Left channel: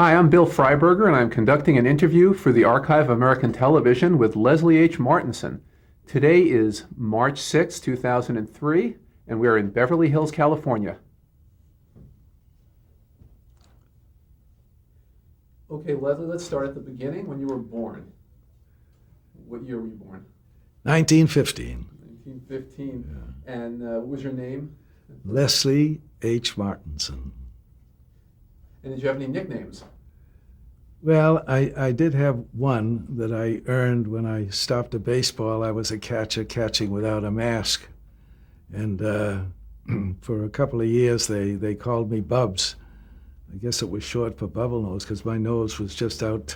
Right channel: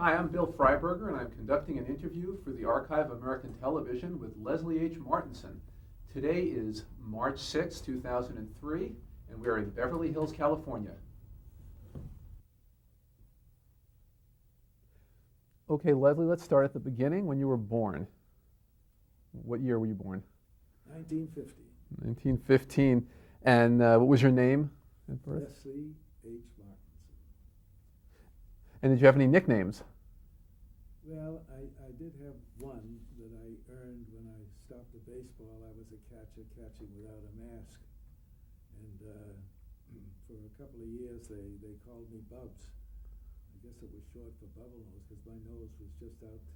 Hi, I'm Bill Freiberger, and I'm conducting an interview for the Archive of American Television with Leslie H. Martinson. Today is March 6, 2003, and we are in Beverly Hills, California. Okay, Leslie, let's start at the beginning. When you were born. What year were you born? 1915. 1915. And what was your name? Leslie H. Martinson. And did you have any nicknames? Well, I did have one that I earned when I stopped a baseball. I was a catcher catching without a mask. And for a couple of years, they called me Bubs. I guess it was short for bubble nose because my nose was just out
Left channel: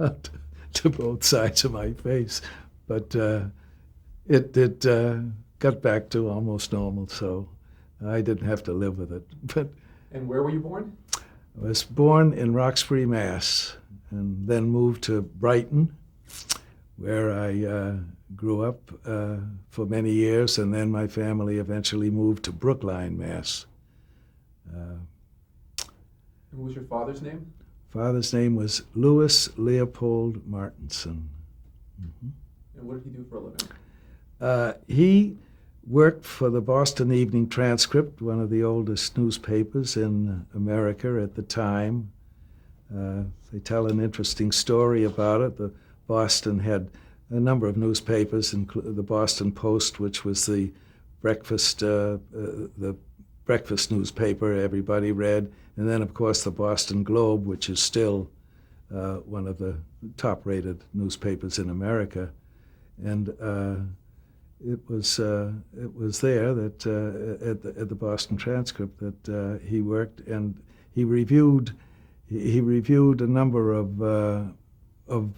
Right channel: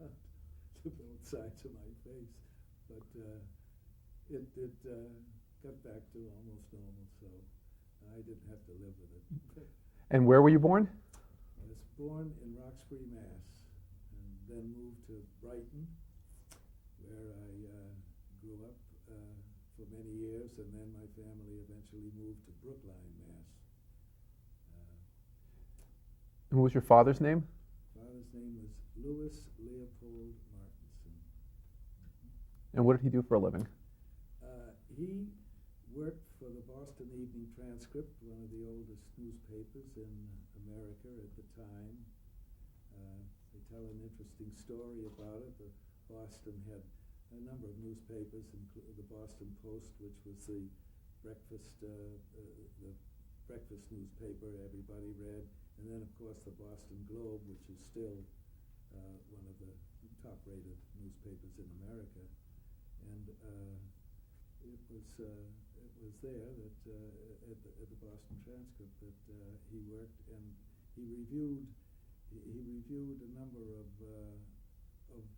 to both sides of my face. But it got back to almost normal, so I didn't have to live with it. But And where were you born? I was born in Roxbury, Mass, and then moved to Brighton, where I grew up for many years, and then my family eventually moved to Brookline, Mass. And what was your father's name? Father's name was Louis Leopold Martinson. Mm-hmm. And what did he do for a living? He worked for the Boston Evening Transcript, one of the oldest newspapers in America at the time. They tell an interesting story about it. The Boston had a number of newspapers, including the Boston Post, which was the breakfast newspaper everybody read, and then, of course, the Boston Globe, which is still one of the top-rated newspapers in America. And it was there that at the Boston Transcript that he worked, and he reviewed a number of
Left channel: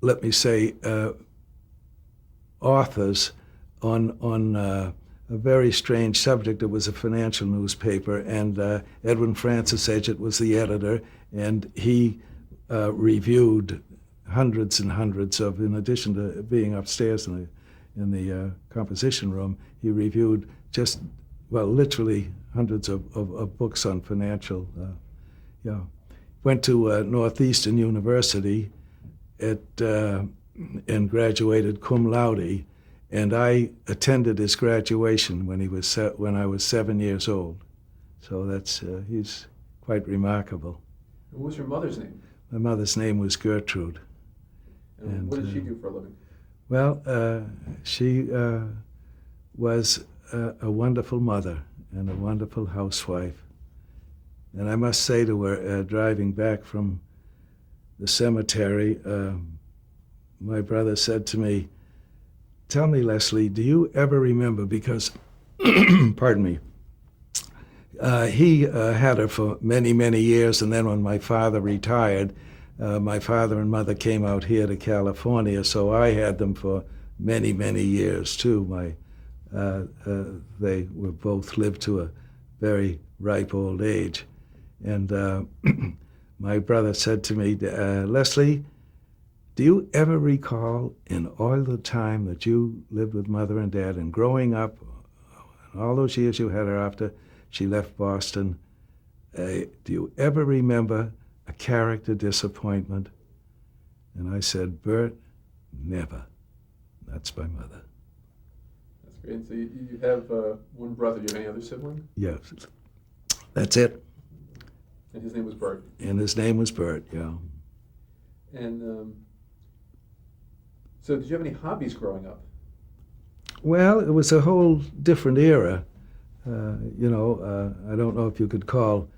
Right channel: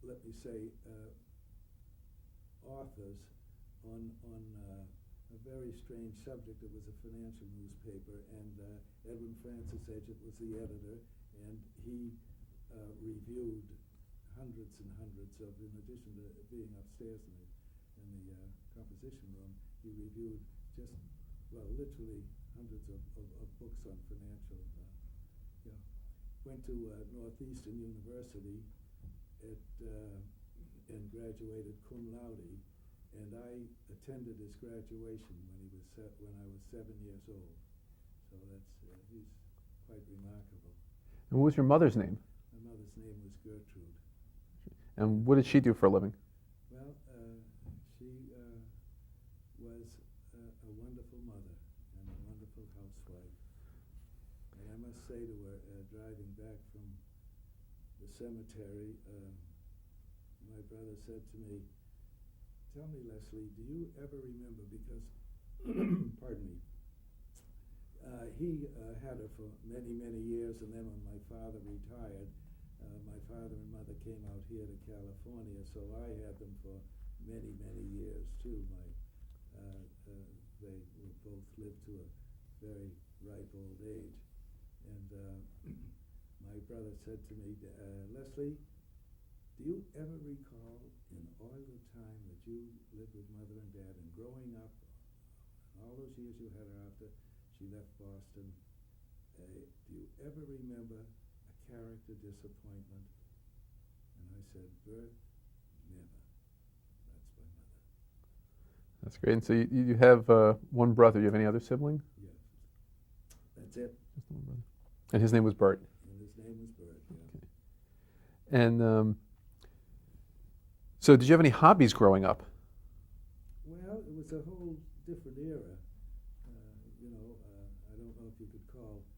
let me say authors on a very strange subject. It was a financial newspaper, and Edwin Francis Edgett was the editor, and he reviewed hundreds and hundreds of, in addition to being upstairs in the composition room, he reviewed literally hundreds of books on financial. Went to Northeastern University and graduated cum laude, and I attended his graduation when I was 7 years old. So he's quite remarkable. And what was your mother's name? My mother's name was Gertrude. And what did she do for a living? Well, she was a wonderful mother and a wonderful housewife. And I must say to her, driving back from the cemetery, my brother said to me, "Tell me, Leslie, do you ever remember," because, pardon me, he had her for many, many years, and then when my father retired, my father and mother came out here to California, so I had them for many, many years too. They were both lived to a very ripe old age. And my brother said to me, "Leslie, do you ever recall in all the time that you lived with Mother and Dad and growing up, and all those years you had her after she left Boston, do you ever remember a character disappointment?" And I said, "Bert, never. That's my mother." That's great. And so you have one brother. Do you have any other sibling? Yes. That's it. And his name was Bert. And his name was Bert, yeah. And so did you have any hobbies growing up? Well, it was a whole different era. I don't know if you could call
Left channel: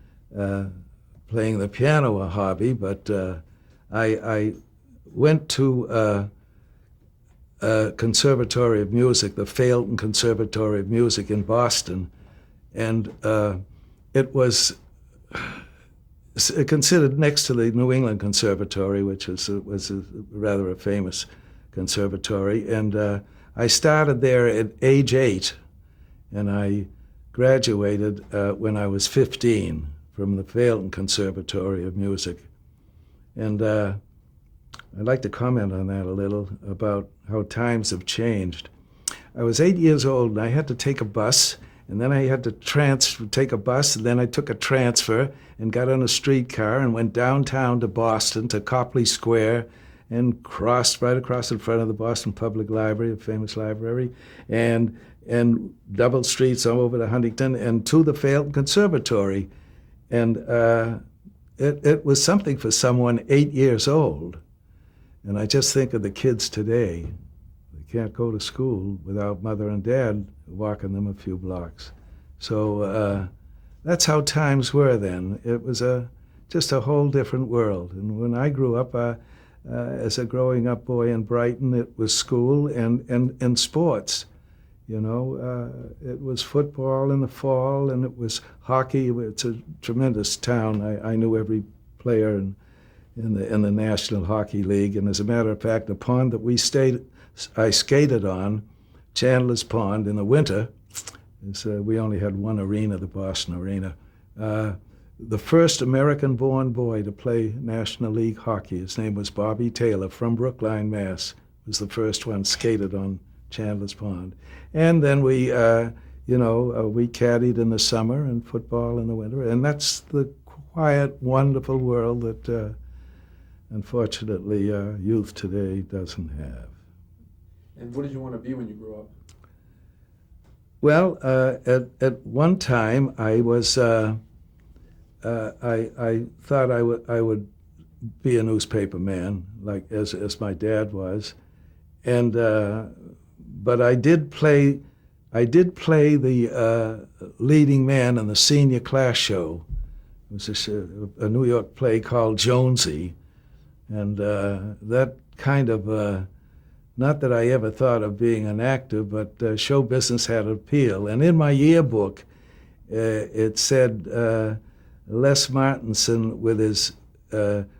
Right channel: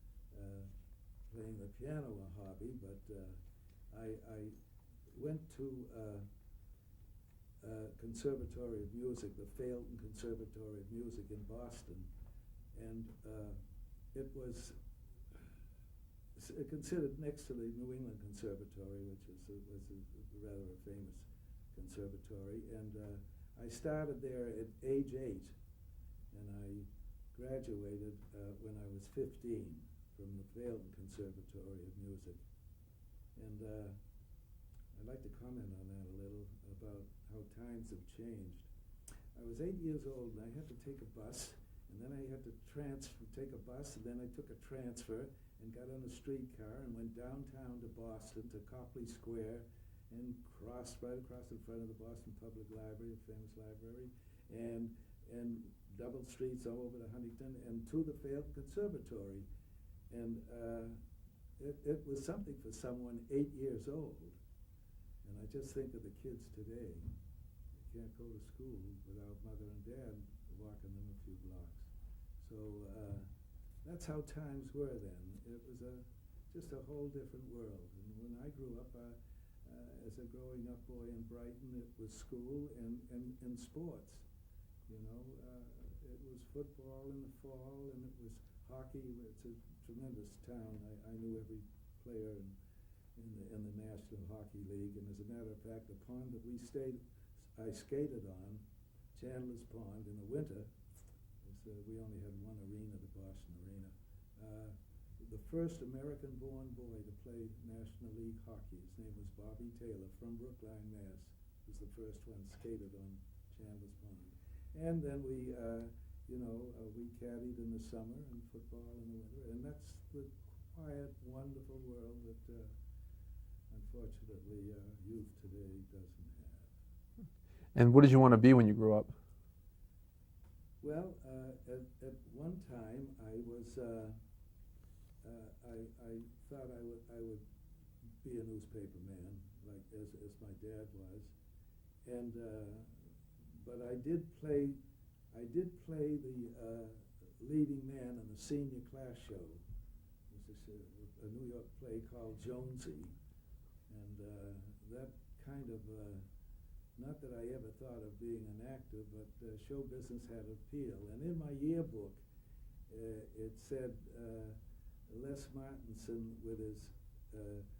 playing the piano a hobby, but I went to a conservatory of music, the Phailton Conservatory of Music in Boston, and it was considered next to the New England Conservatory, which was rather a famous conservatory. And I started there at age 8, and I graduated when I was 15 from the Phailton Conservatory of Music. And I'd like to comment on that a little, about how times have changed. I was 8 years old, and I had to take a bus, And then I had to take a bus, and then I took a transfer and got on a streetcar and went downtown to Boston, to Copley Square, and crossed right across in front of the Boston Public Library, a famous library, and double streets all over to Huntington and to the Phailton Conservatory. And it was something for someone 8 years old. And I just think of the kids today. They can't go to school without mother and dad walking them a few blocks. So that's how times were then. It was just a whole different world. And when I grew up, as a growing up boy in Brighton, it was school and sports. You know, it was football in the fall, and it was hockey. It's a tremendous town. I knew every player in the National Hockey League. And as a matter of fact, the pond that I skated on, Chandler's Pond, in the winter, we only had one arena, the Boston Arena. The first American-born boy to play National League hockey, his name was Bobby Taylor from Brookline, Mass., was the first one skated on Chandler's Pond. And then we caddied in the summer and football in the winter. And that's the quiet, wonderful world that, unfortunately, youth today doesn't have. And what did you want to be when you grew up? Well, at one time, I was I thought I would be a newspaper man, like as my dad was, and but I did play the leading man in the senior class show. It was a New York play called Jonesy, and that kind of. Not that I ever thought of being an actor, but show business had appeal. And in my yearbook, it said Les Martinson with his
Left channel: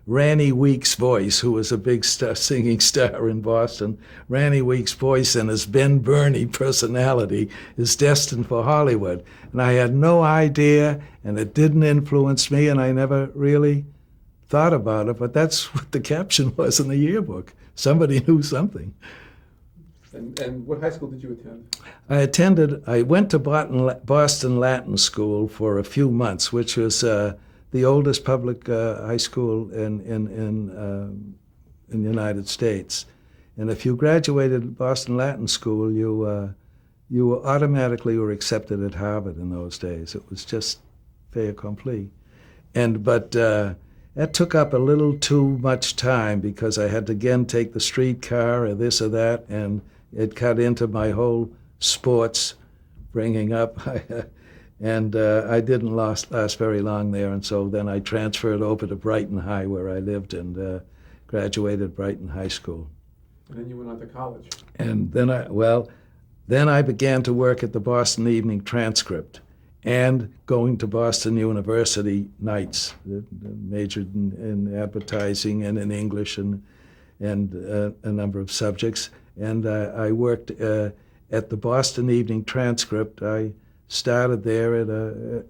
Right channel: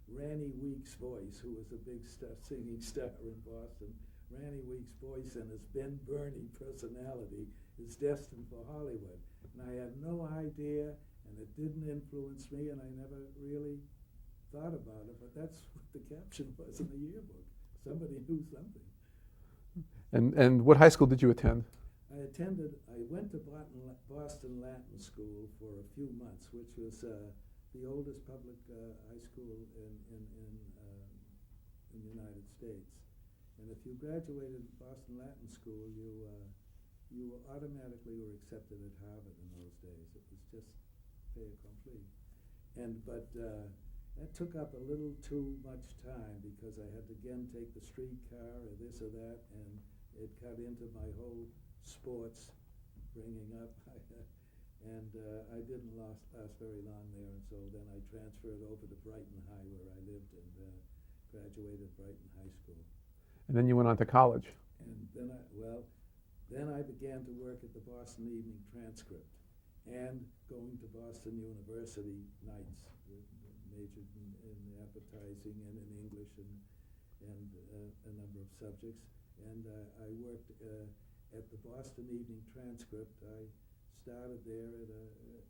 Ranny Weeks voice, who was a big singing star in Boston. Ranny Weeks' voice and his Ben Burney personality is destined for Hollywood. And I had no idea, and it didn't influence me, and I never really thought about it, but that's what the caption was in the yearbook. Somebody knew something. And what high school did you attend? I went to Boston Latin School for a few months, which was the oldest public high school in the United States. And if you graduated Boston Latin School, you automatically were accepted at Harvard in those days. It was just fait accompli. But that took up a little too much time because I had to again take the streetcar or this or that, and it cut into my whole sports bringing up. And I didn't last very long there, and so then I transferred over to Brighton High, where I lived, and graduated Brighton High School. And then you went on to college. And then I began to work at the Boston Evening Transcript, and going to Boston University nights, majored in advertising and in English and a number of subjects. And I worked at the Boston Evening Transcript. I started there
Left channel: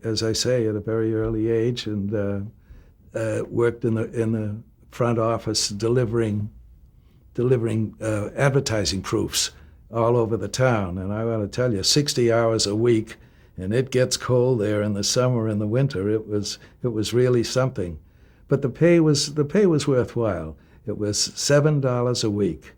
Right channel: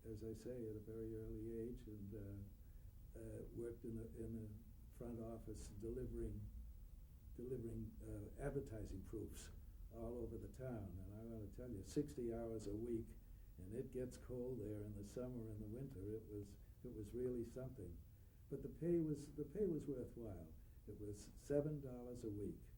as I say, at a very early age, and worked in the front office delivering advertising proofs all over the town. And I want to tell you, 60 hours a week. And it gets cold there in the summer and the winter. It was really something, but the pay was worthwhile. It was $7 a week,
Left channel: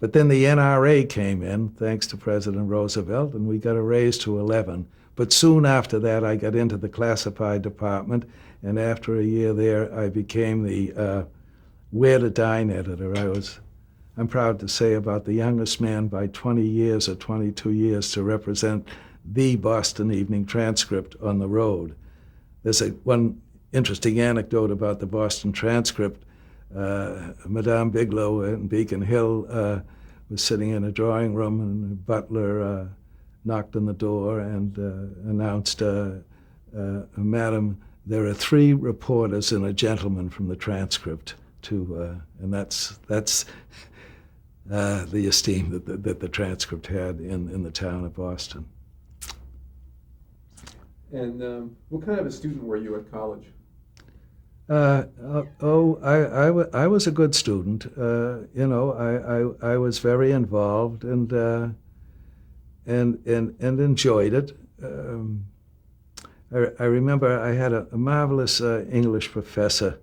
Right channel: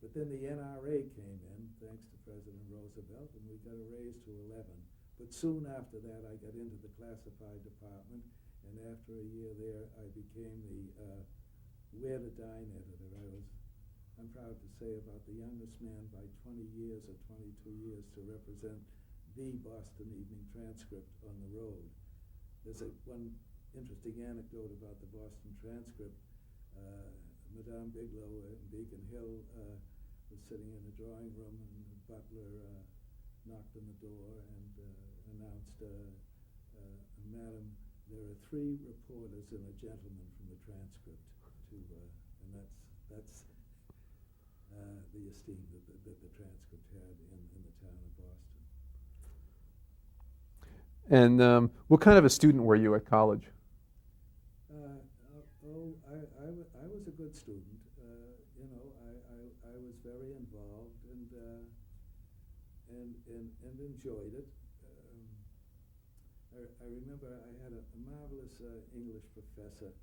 but then the NRA came in, thanks to President Roosevelt, and we got a raise to 11. But soon after that, I got into the classified department, and after a year there, I became the Where to Dine editor. I'm proud to say, about the youngest man by 20 years or 22 years to represent the Boston Evening Transcript on the road. There's one interesting anecdote about the Boston Transcript. Madame Bigelow in Beacon Hill was sitting in a drawing room, and the butler knocked on the door and announced, "Madam, there are 3 reporters and a gentleman from the Transcript." And that's the esteem that the Transcript had in the town of Boston. And what kind of a student were you at college? I was a good student. I was very involved and enjoyed it. I remember I had a marvelous English professor,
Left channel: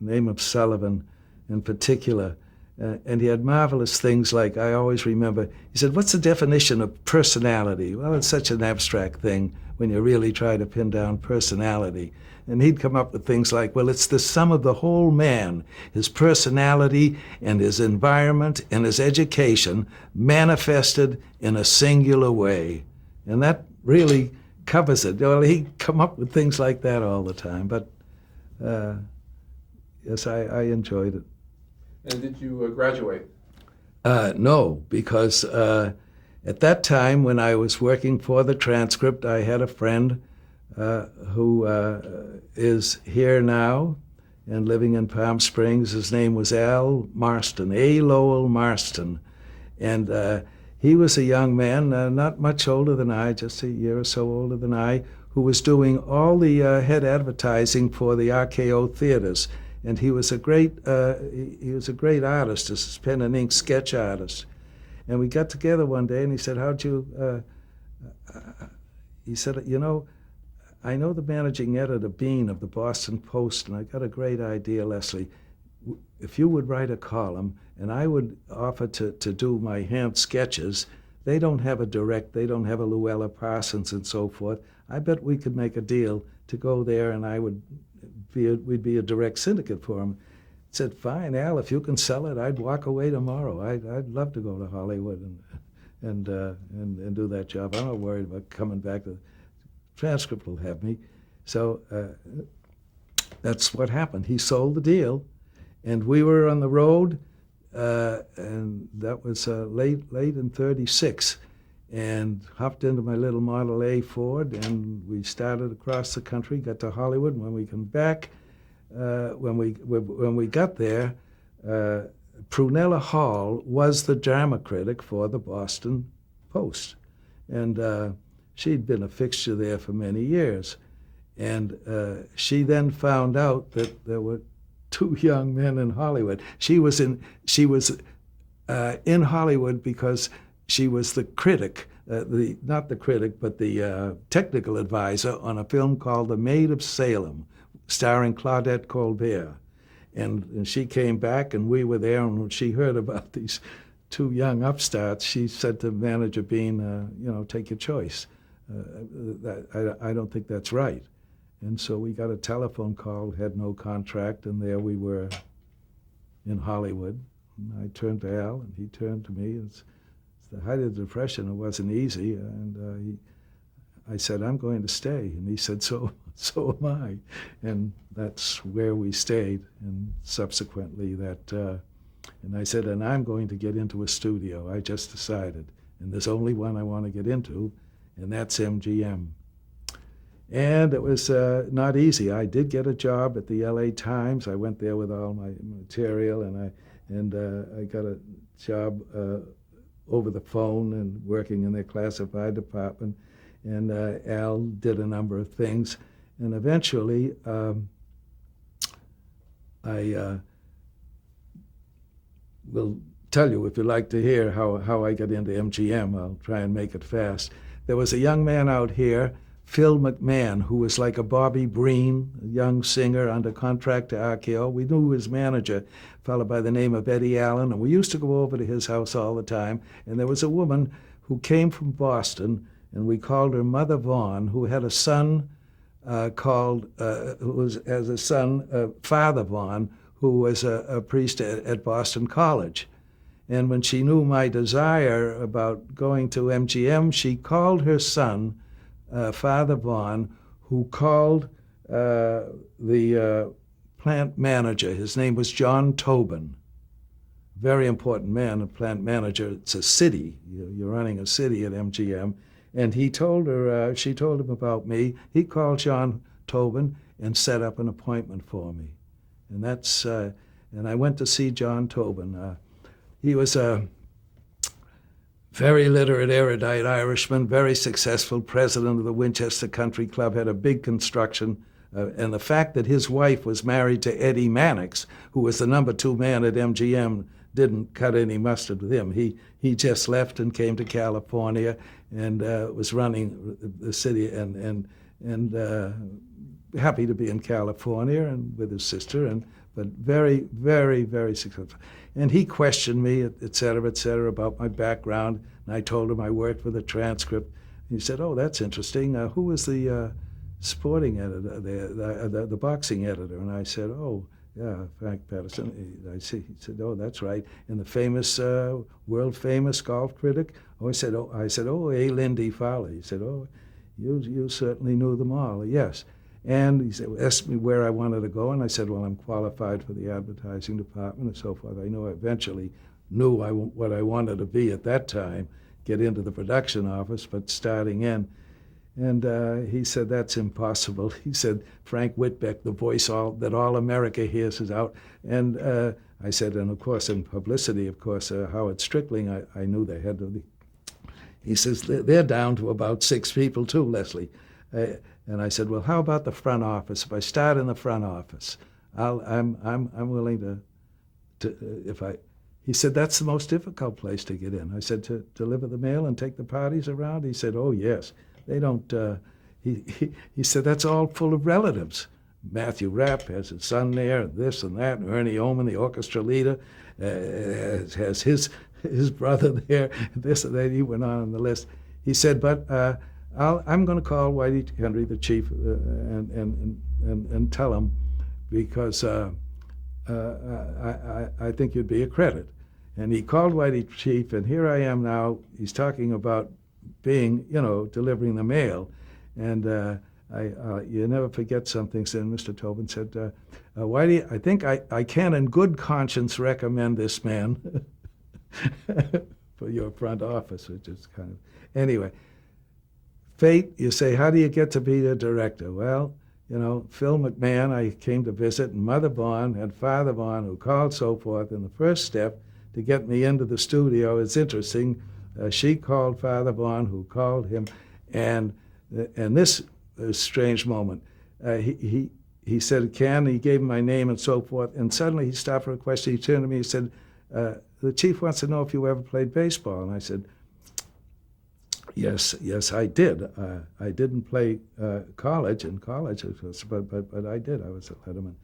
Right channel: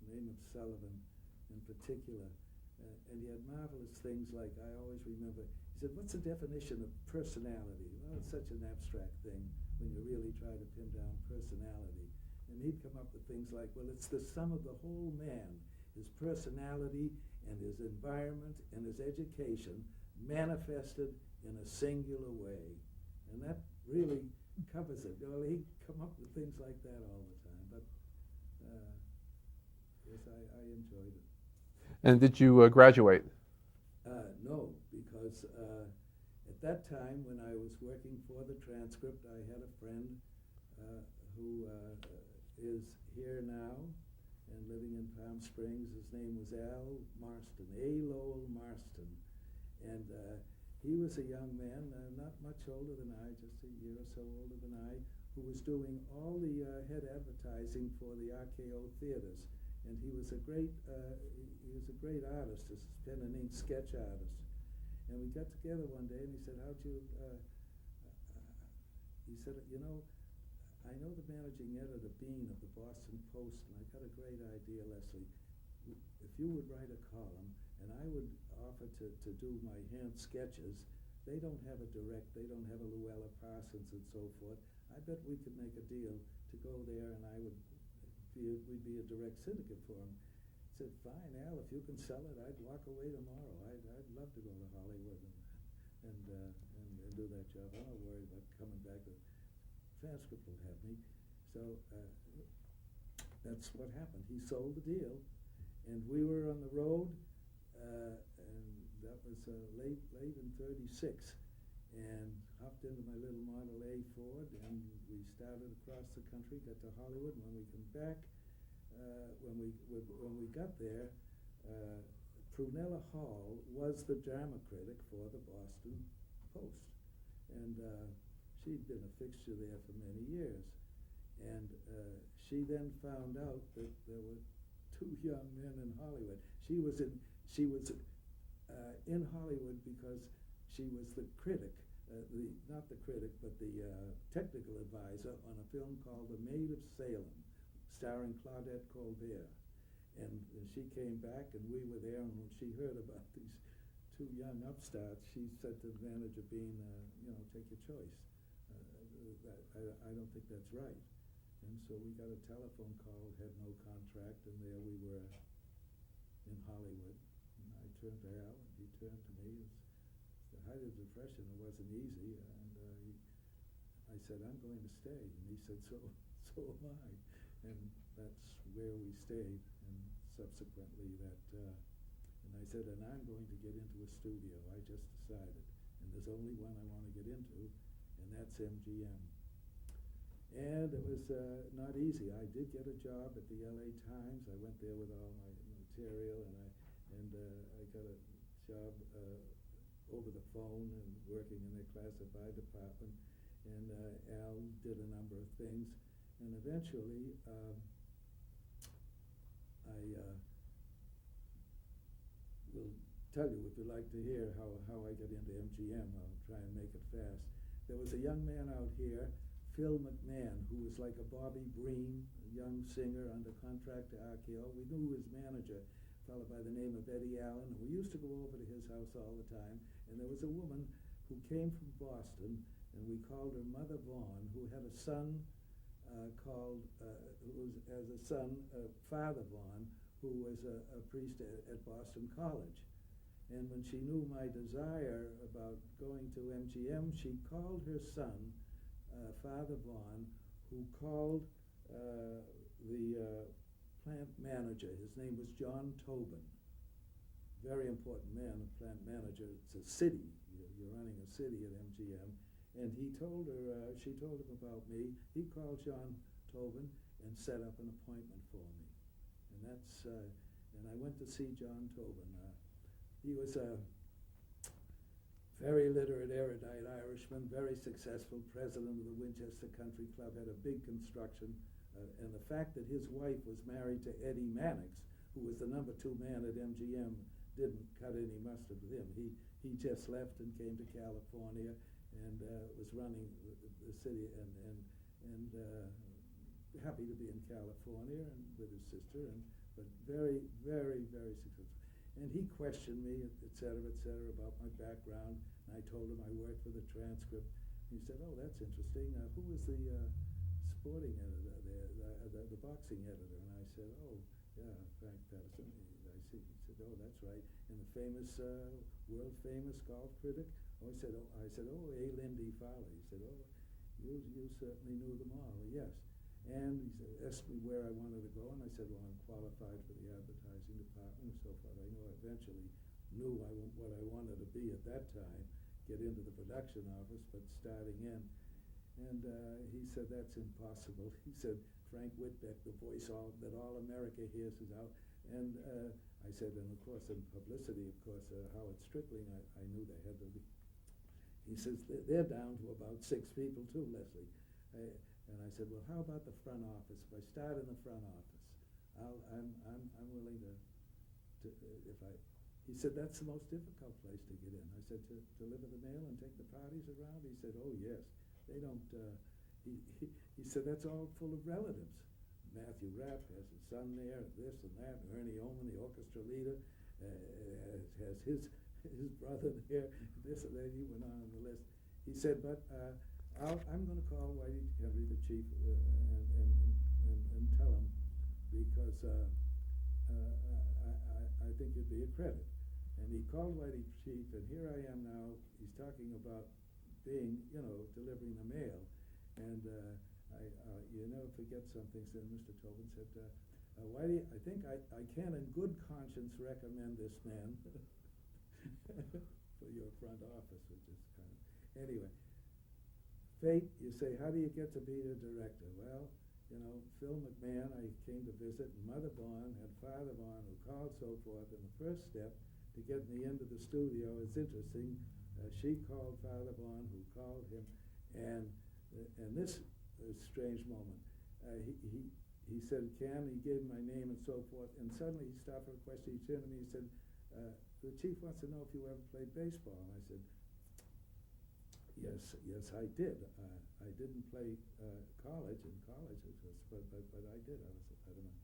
name of Sullivan in particular, and he had marvelous things like, I always remember, he said, what's the definition of personality? Well, it's such an abstract thing when you really try to pin down personality. And he'd come up with things like, well, it's the sum of the whole man, his personality and his environment and his education manifested in a singular way. And that really covers it. Well, he'd come up with things like that all the time. But yes, I enjoyed it. And did you graduate? No, because at that time when I was working for the transcript, I had a friend who is here now and living in Palm Springs. His name was Al Marston, A. Lowell Marston. And he was a young man, not much older than I, just a year or so older than I, who was doing all the head advertising for the RKO theaters. And he was a great artist, a pen and ink sketch artist. And we got together one day, and he said, he said, you know, I know the managing editor, Bean, of the Boston Post, and I got a great idea, Leslie. If you would write a column, and I would offer to do my hand sketches, they don't have a direct, they don't have a Luella Parsons and so forth. I bet we could make a deal to go there, and we'd be a direct syndicate for him. I said, fine, Al, if you can sell it, I'd walk away tomorrow. I'd love to go to Hollywood and do that job. I'm not worried about coming back. The transcript will have me. So that's what happened. He sold the deal, and we were on the road, and that was late in '36. And hopped into my little Model A Ford, and we started across the country, got to Hollywood. And when we come back, when we got there, Prunella Hall was the drama critic for the Boston Post, and she'd been a fixture there for many years. And she then found out that there were two young men in Hollywood. She was in Hollywood because she was the critic, not the critic, but the technical advisor on a film called The Maid of Salem, starring Claudette Colbert. And she came back, and we were there, and when she heard about these two young upstarts, she said to manager Bean, take your choice. I don't think that's right. And so we got a telephone call, had no contract, and there we were in Hollywood. And I turned to Al, and he turned to me. It's the height of the Depression. It wasn't easy, and I said, I'm going to stay. And he said, so am I. And that's where we stayed, and subsequently and I said, and I'm going to get into a studio. I just decided. And there's only one I want to get into, and that's MGM. And it was not easy. I did get a job at the LA Times. I went there with all my material, and I got a job over the phone and working in their classified department. And Al did a number of things. And eventually, I will tell you, if you'd like to hear how I got into MGM. I'll try and make it fast. There was a young man out here, Phil McMahon, who was like a Bobby Breen, a young singer under contract to RKO. We knew his manager, a fellow by the name of Eddie Allen, and we used to go over to his house all the time. And there was a woman who came from Boston, and we called her Mother Vaughn, who had a son Father Vaughn, who was a priest at Boston College. And when she knew my desire about going to MGM, she called her son, Father Vaughn, who called the plant manager. His name was John Tobin. Very important man, a plant manager. It's a city. You're running a city at MGM. And he told her, she told him about me. He called John Tobin and set up an appointment for me. And that's, and I went to see John Tobin. He was a very literate, erudite Irishman, very successful, president of the Winchester Country Club, had a big construction. And the fact that his wife was married to Eddie Mannix, who was the number 2 man at MGM, didn't cut any mustard with him. He just left and came to California, and was running the city, and happy to be in California and with his sister, but very, very, very successful. And he questioned me, et cetera, about my background, and I told him I worked for the transcript. He said, "Oh, that's interesting. Who was the sporting editor, the boxing editor?" And I said, "Oh, yeah, Frank Patterson." I see. He said, "Oh, that's right." And the famous, world famous golf critic. Oh, I said, "Oh, A. Lindy Fowler." He said, "Oh, you certainly knew them all." Yes. And he said, asked me where I wanted to go, and I said, "Well, I'm qualified for the advertising department," and so forth. I knew I eventually knew what I wanted to be at that time, get into the production office, but starting in. And he said, "That's impossible." He said, "Frank Whitbeck, the voice that all America hears, is out." And I said, "And of course, in publicity, of course, Howard Strickling, I knew they had to be." He says, "They're down to about 6 people too, Leslie." And I said, "Well, how about the front office? If I start in the front office, I'm willing to if I." He said, "That's the most difficult place to get in." I said, "To deliver the mail and take the parties around?" He said, "Oh yes, they don't." He said, "That's all full of relatives. Matthew Rapp has his son there, and this and that, and Ernie Oman, the orchestra leader, has his brother there, this and that." He went on the list. He said, "But I'm going to call Whitey Henry, the chief, and tell him, because I think you'd be a credit." And he called Whitey chief, and here I am now. He's talking about being, delivering the mail. And you never forget something. So Mr. Tobin said, "Whitey, I think I can in good conscience recommend this man for your front office," which is kind of, anyway. Fate, you say, how do you get to be the director? Well, Phil McMahon, I came to visit, and Mother Vaughn and Father Vaughn, who called, so forth. And the first step to get me into the studio is interesting. She called Father Vaughn, who called him, and this is a strange moment. He said, "Ken," he gave him my name and so forth, and suddenly he stopped for a question. He turned to me and said, "The chief wants to know if you ever played baseball." And I said, Yes, I did. I didn't play college, but I did. I was a letterman.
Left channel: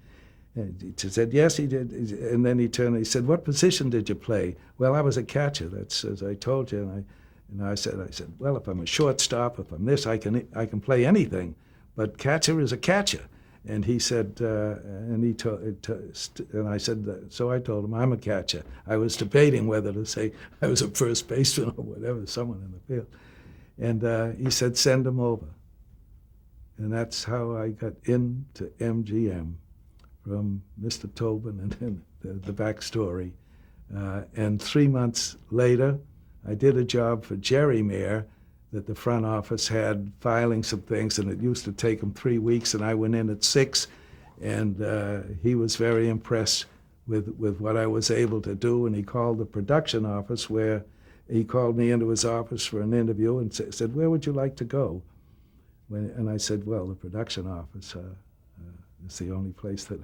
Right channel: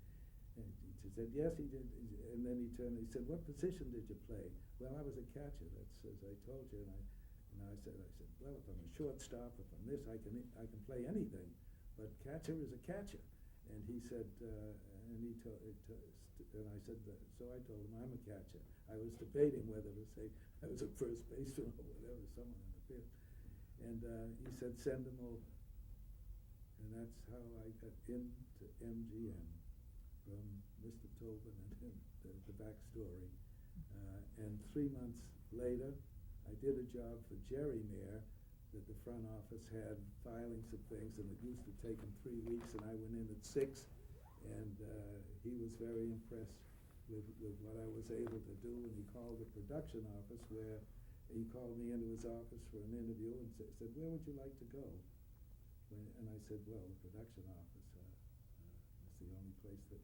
And he said, "Yes, he did." And then he turned and he said, "What position did you play?" "Well, I was a catcher. That's as I told you." And I said, "Well, if I'm a shortstop, if I'm this, I can play anything, but catcher is a catcher." And he said, and I said, so I told him, "I'm a catcher." I was debating whether to say I was a first baseman or whatever, someone in the field. And he said, "Send him over." And that's how I got into MGM, from Mr. Tobin and the backstory. And 3 months later, I did a job for Jerry Mayer that the front office had, filing some things, and it used to take him 3 weeks, and I went in at 6. And he was very impressed with what I was able to do, and he called the production office, where he called me into his office for an interview and said, "Where would you like to go?" And I said, "Well, the production office is the only place that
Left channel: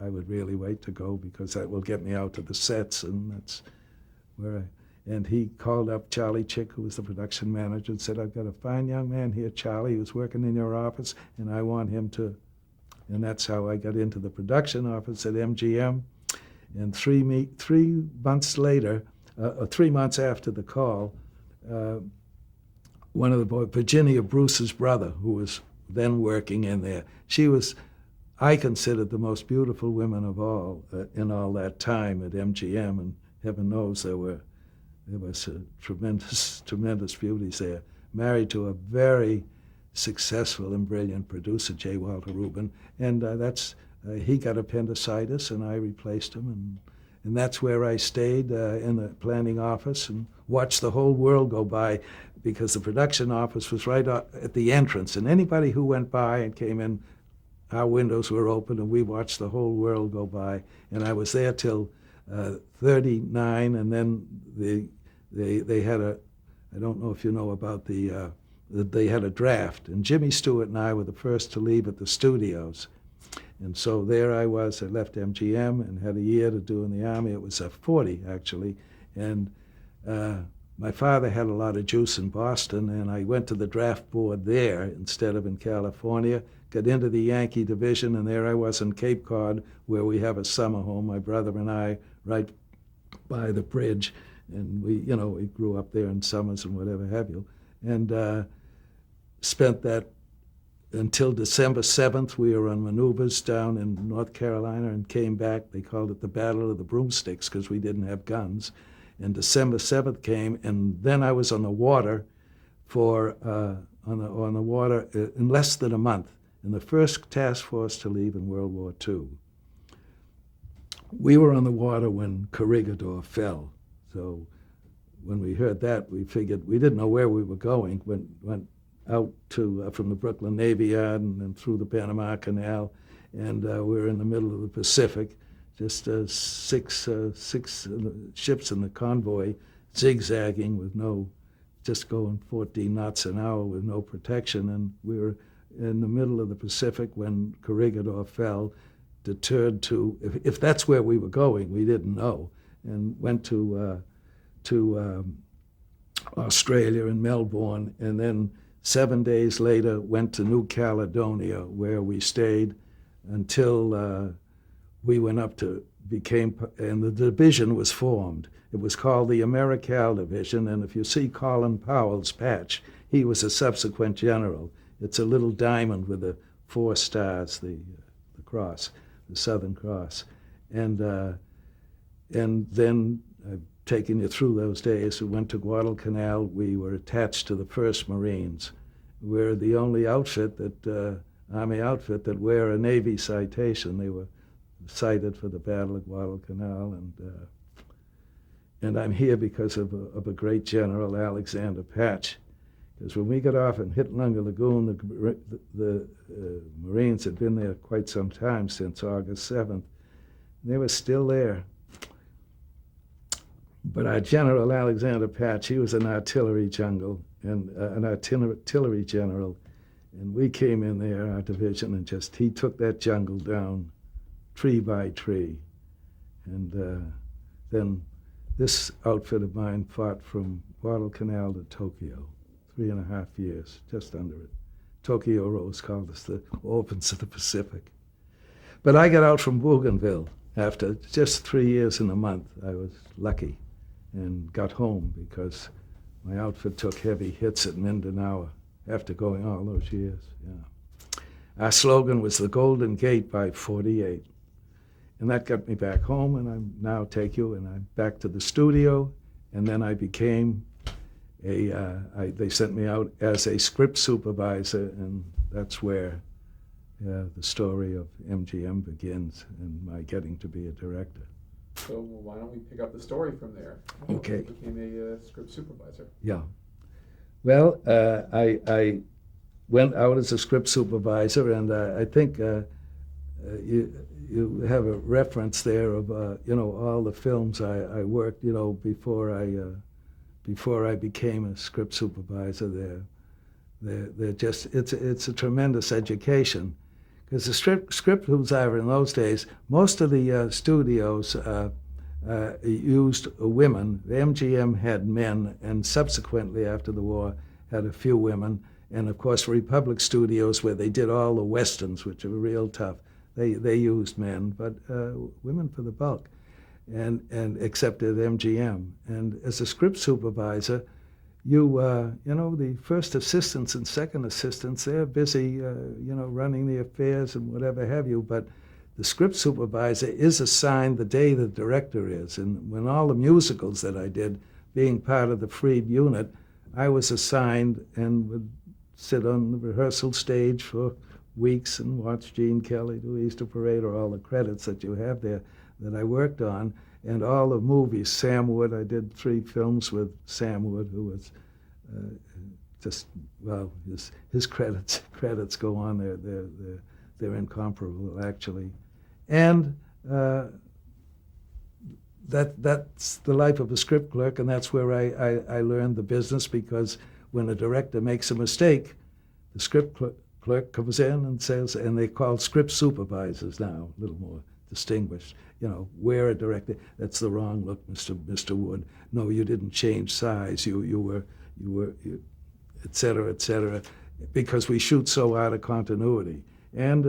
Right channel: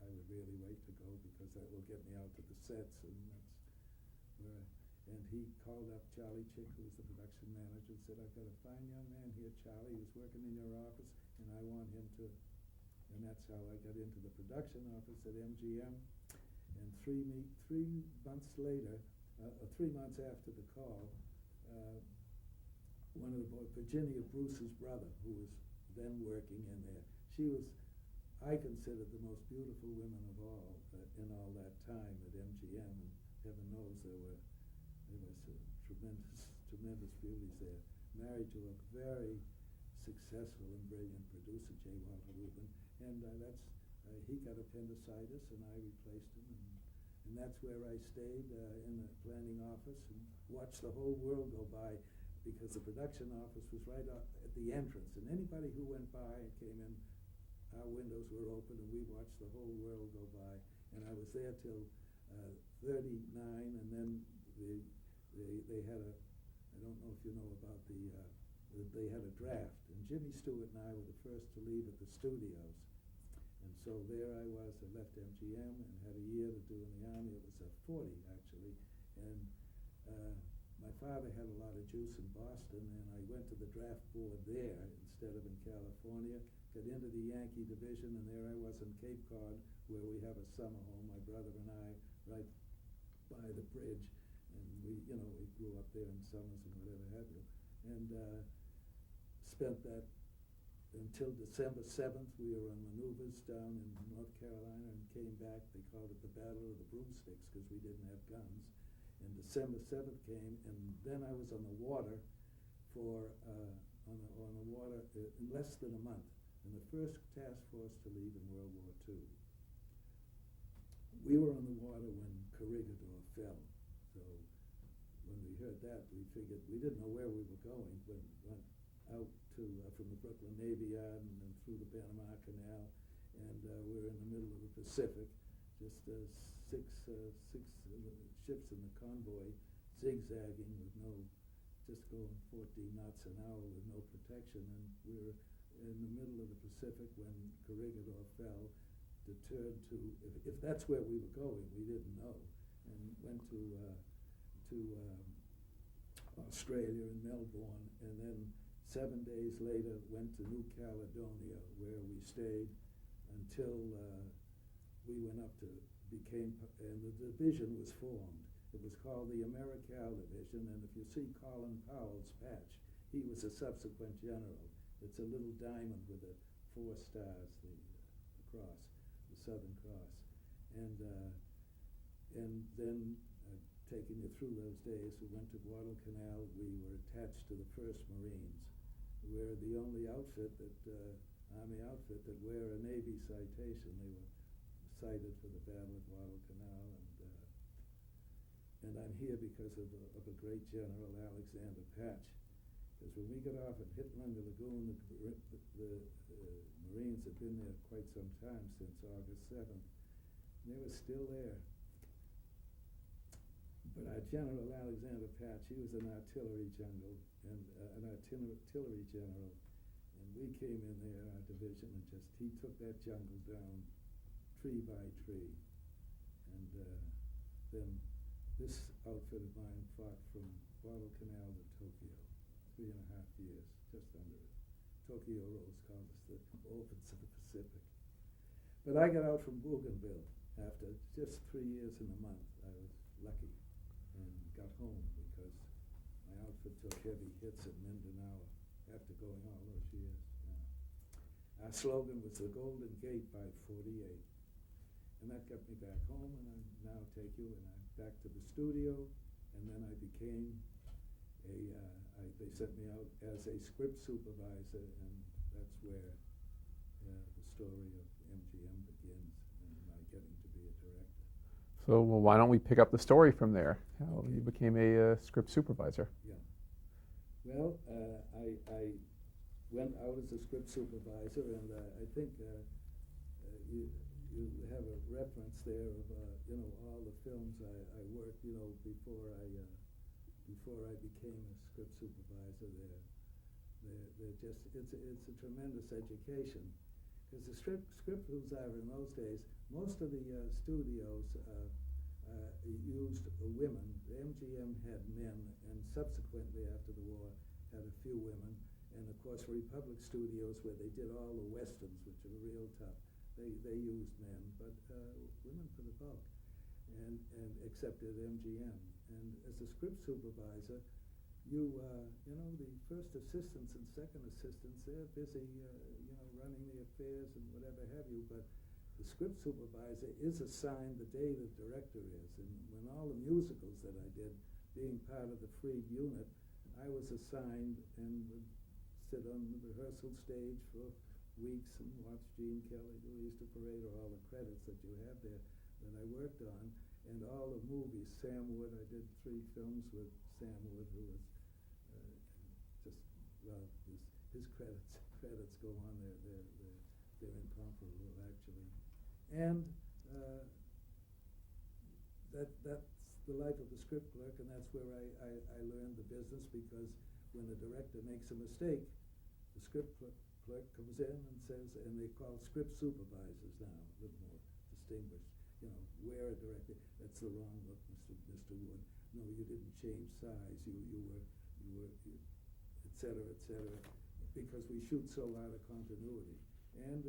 I would really wait to go, because that will get me out to the sets, and that's where And he called up Charlie Chick, who was the production manager, and said, "I've got a fine young man here, Charlie, who's working in your office, and I want him to." And that's how I got into the production office at MGM. And 3 months later, 3 months after the call, one of the boys, Virginia Bruce's brother, who was then working in there, she was, I considered, the most beautiful women of all in all that time at MGM, and heaven knows there was tremendous beauties there. Married to a very successful and brilliant producer, J. Walter Rubin, and he got appendicitis, and I replaced him, and that's where I stayed in the planning office and watched the whole world go by, because the production office was right at the entrance, and anybody who went by and came in, our windows were open, and we watched the whole world go by. And I was there till 39, and then they had I don't know if you know about they had a draft, and Jimmy Stewart and I were the first to leave at the studios. And so there I was. I left MGM and had a year to do in the Army. It was 40, actually. And my father had a lot of juice in Boston, and I went to the draft board there instead of in California, got into the Yankee division, and there I was in Cape Cod, where we have a summer home, my brother and I, right by the bridge. And we grew up there in summers and whatever have you. And spent that until December 7th. We were on maneuvers down in North Carolina and came back. They called it the Battle of the Broomsticks because we didn't have guns. And December 7th came, and then I was on the water on the water in less than a month, in the first task force to leave in World War II. We were on the water when Corregidor fell. So when we heard that, we figured we didn't know where we were going. Went out to from the Brooklyn Navy Yard and then through the Panama Canal, and we were in the middle of the Pacific, just six ships in the convoy, zigzagging with just going 14 knots an hour with no protection, and we were in the middle of the Pacific when Corregidor fell, deterred to, if that's where we were going, we didn't know, and went to Australia and Melbourne, and then 7 days later went to New Caledonia, where we stayed until we went up to and the division was formed. It was called the Americal Division, and if you see Colin Powell's patch, he was a subsequent general. It's a little diamond with the 4 stars, the cross, the Southern Cross. And then, taking you through those days, we went to Guadalcanal. We were attached to the 1st Marines. We're the only outfit Army outfit that wear a Navy citation. They were cited for the Battle of Guadalcanal, and I'm here because of a great general, Alexander Patch. Because when we got off and hit Lunga Lagoon, the Marines had been there quite some time, since August 7th. They were still there. But our General Alexander Patch, he was an artillery general, and we came in there, our division, and he took that jungle down tree by tree. And then this outfit of mine fought from Guadalcanal to Tokyo, 3.5 years, just under it. Tokyo Rose called us the orphans of the Pacific. But I got out from Bougainville after just 3 years and a month. I was lucky and got home because my outfit took heavy hits at Mindanao after going all those years. Yeah. Our slogan was the Golden Gate by 48. And that got me back home, and I'm back to the studio, and then I became they sent me out as a script supervisor, and that's where the story of MGM begins, and my getting to be a director. So, well, why don't we pick up the story from there? Okay. You became a script supervisor. Yeah. Well, I went out as a script supervisor, and I think you have a reference there of all the films I worked before I became a script supervisor. They're just it's a tremendous education. Because the script supervisor in those days, most of the studios used women. The MGM had men, and subsequently after the war had a few women. And of course, Republic Studios, where they did all the westerns, which are real tough, they used men, but women for the bulk, and except at MGM. And as a script supervisor, the first assistants and second assistants, they're busy, running the affairs and whatever have you, but the script supervisor is assigned the day the director is. And when all the musicals that I did, being part of the freed unit, I was assigned and would sit on the rehearsal stage for weeks and watch Gene Kelly do Easter Parade, or all the credits that you have there that I worked on. And all the movies, Sam Wood, I did 3 films with Sam Wood, who was his credits go on. They're incomparable, actually. And that's the life of a script clerk, and that's where I learned the business, because when a director makes a mistake, the script clerk comes in and says, and they call script supervisors now, a little more distinguished, we're a director. That's the wrong look, Mr. Wood. No, you didn't change size. You were, et cetera, because we shoot so out of continuity. And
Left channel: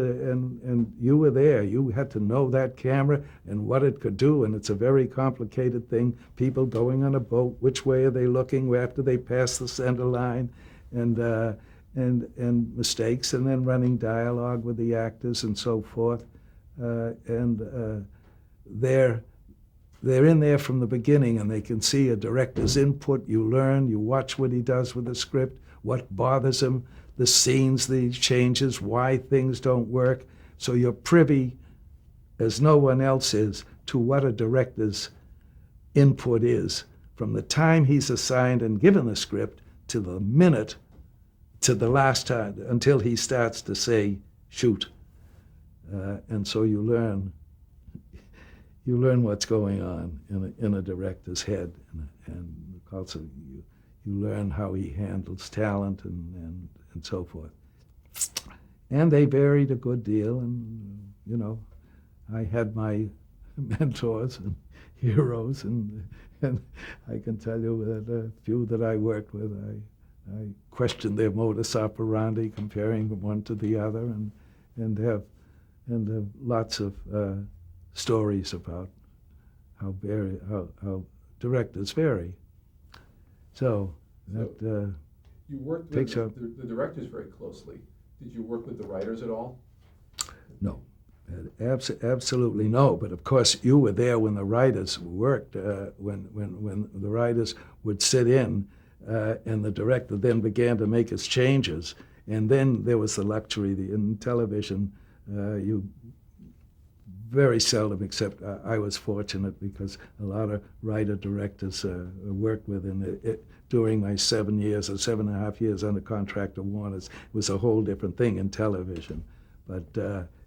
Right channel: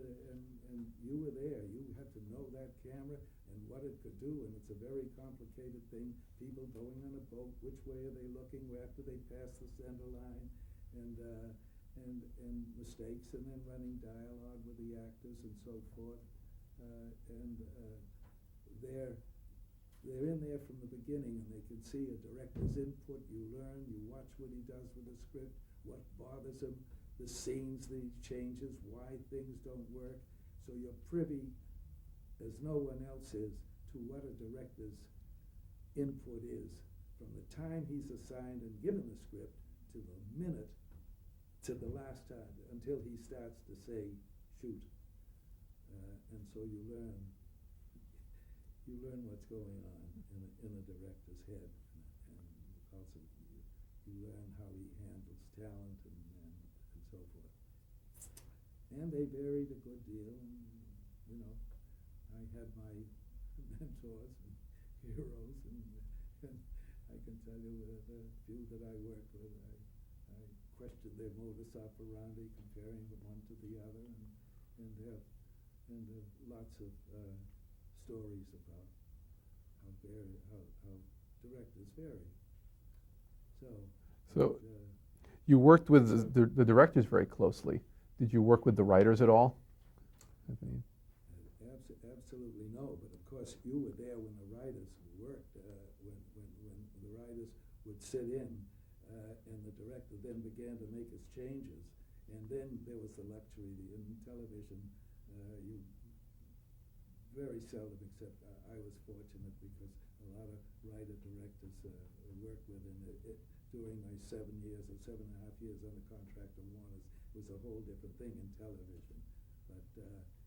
you were there. You had to know that camera and what it could do, and it's a very complicated thing. People going on a boat, which way are they looking after they pass the center line, and mistakes, and then running dialogue with the actors and so forth. They're in there from the beginning, and they can see a director's input. You learn, you watch what he does with the script, what bothers him, the scenes, the changes, why things don't work. So you're privy, as no one else is, to what a director's input is from the time he's assigned and given the script to the minute, to the last time, until he starts to say, shoot. And so you learn what's going on in a director's head, and also you learn how he handles talent and so forth. And they varied a good deal, and I had my mentors and heroes, and I can tell you that a few that I worked with, I questioned their modus operandi, comparing one to the other, and have lots of stories about how directors vary. So you worked with the directors very closely. Did you work with the writers at all? No, absolutely no. But of course, you were there when the writers worked. When the writers would sit in, and the director then began to make his changes. And then there was the luxury in television. You very seldom, except I was fortunate because a lot of writer-directors worked with during my 7 years or 7.5 years under contract at Warner's. It was a whole different thing in television. But,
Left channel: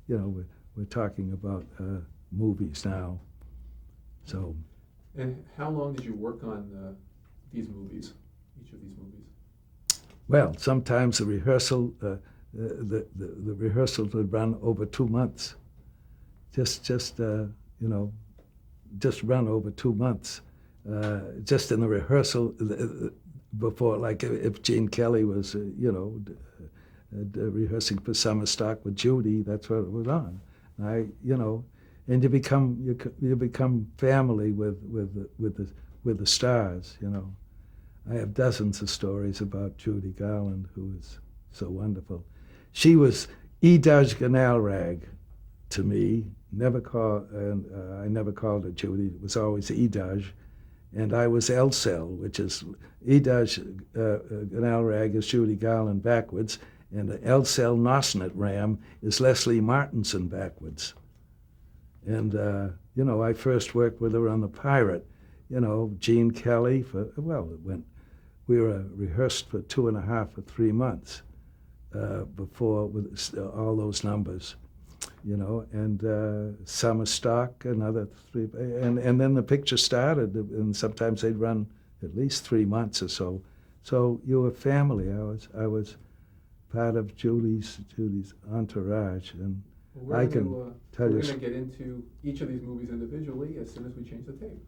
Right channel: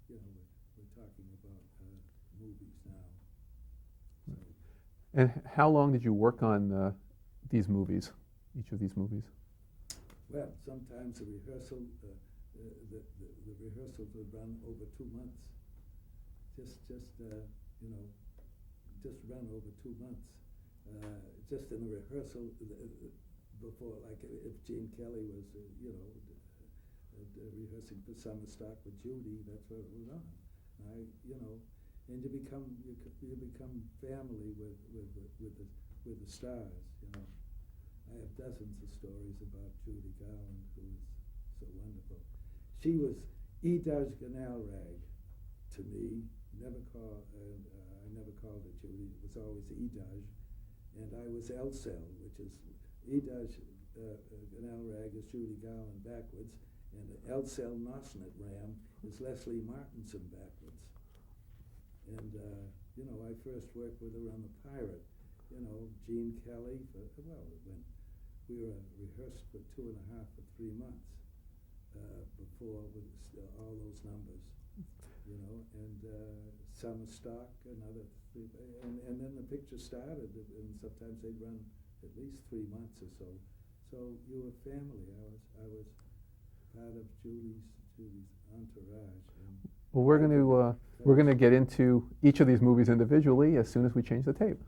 we're talking about movies now. So. And how long did you work on these movies, each of these movies? Well, sometimes the rehearsal would run over 2 months. Just run over 2 months. Just in the rehearsal before, like if Gene Kelly was, rehearsing for Summer Stock with Judy, that's what it was on. And you become family with the stars. I have dozens of stories about Judy Garland, who is so wonderful. She was Edudge Ganalrag to me. I never called her Judy. It was always Edudge, and I was Elsel, which is Edudge Ganalrag is Judy Garland backwards, and Elsel Nosnet Ram is Leslie Martinson backwards. And I first worked with her on The Pirate. Gene Kelly we were rehearsed for 2.5 or 3 months before with all those numbers. And Summer Stock, another 3, and then the picture started, and sometimes they'd run at least 3 months or so. So you were family. I was part of Judy's entourage, and well, we're going to get into each of these movies individually as soon as we change the tape.